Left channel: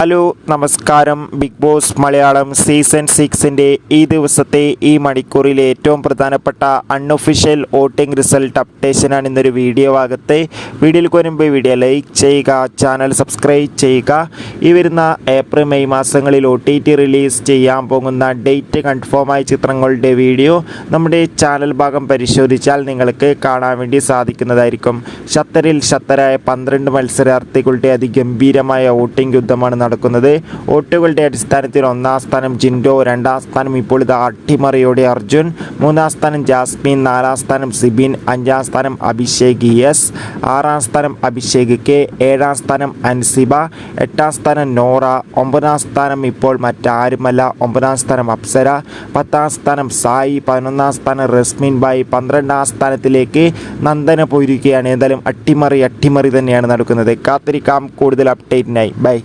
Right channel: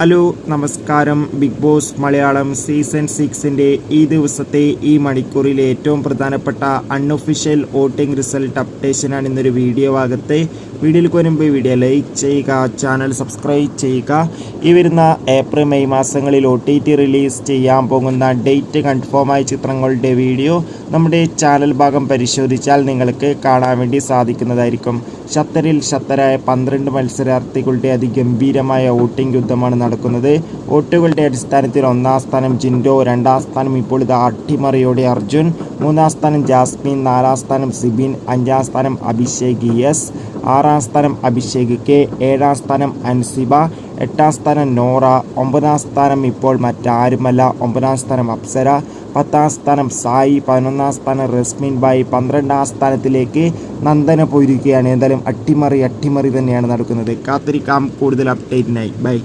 Hello നമസ്കാരം. Big Boss Malayalam season സിക്സിന്റെ ഈ ദിവസത്തെ ഈ മണിക്കൂറിലെ ഏറ്റവും പ്രധാനപ്പെട്ട അൺഒഫീഷ്യൽ വോട്ടിംഗ് റിസൾട്ട് അപ്ഡേഷനാണ് ഇന്നൊരു വീഡിയോ ഭാഗത്ത്. വീഡിയോയിൽ വരുമ്പോൾ വീഡിയോ ലൈക്ക് ചെയ്യുക ചാനൽ സബ്സ്ക്രൈബ് ചെയ്യുക. ഈ വരുന്ന ഏപ്രിൽ മെയ് മാസങ്ങളിൽ ഒ ടി ടി റിലീസ് ചെയ്യാൻ പോകുന്ന ഡേറ്റ് കൺഫേമായ ചിത്രങ്ങളുടെ വീഡിയോ നമ്മുടെ ചാനൽ ഭാഗം പരിശോധിച്ചാൽ നിങ്ങൾക്ക് കാണാൻ വേണ്ടി സാധിക്കുന്നതായിരിക്കും. ഷത്തറിൽ ഷത്തരായ പന്ത്രണ്ട് മത്സരാർത്ഥികളുടെ അതിഗംഭീരമായ വോട്ടിംഗ് യുദ്ധമാണ് നടക്കുന്നത്. വോട്ടുകളുടെ അടിസ്ഥാനത്തിൽ ഒന്നാം സ്ഥാനം ജിൻഡോ രണ്ടാം സ്ഥാനം ഇപ്പോൾ ഇത് അട്ടിമറിയോടെ അർജുൻ മൂന്നാം സ്ഥാനം ജാസ്മിൻ നാലാം സ്ഥാനം സിബിൻ അഞ്ചാം സ്ഥാനം അഭിഷേക് എസ് ആറാം സ്ഥാനം അഭിഷേക് കെ ഏഴാം സ്ഥാനം അൻസിബ എട്ടാം സ്ഥാനം നോറ ഒമ്പതാം സ്ഥാനം ഇപ്പോൾ മറ്റാരുമല്ല ഒമ്പതാം സ്ഥാനം അപ്സര പത്താം സ്ഥാനം സായി പതിനൊന്നാം സ്ഥാനം റസ്മിൻ ബായി പന്ത്രണ്ടാം സ്ഥാനത്തിലേക്ക് നന്ദന പോയിരിക്കുകയാണ്. എന്തായാലും അട്ടിമറി അട്ടിമറി തന്നെയാണ് നടക്കുന്നത്. കാത്തിരിക്കാം. കൂടുതൽ അപ്ഡേറ്റിനായി. ബൈ.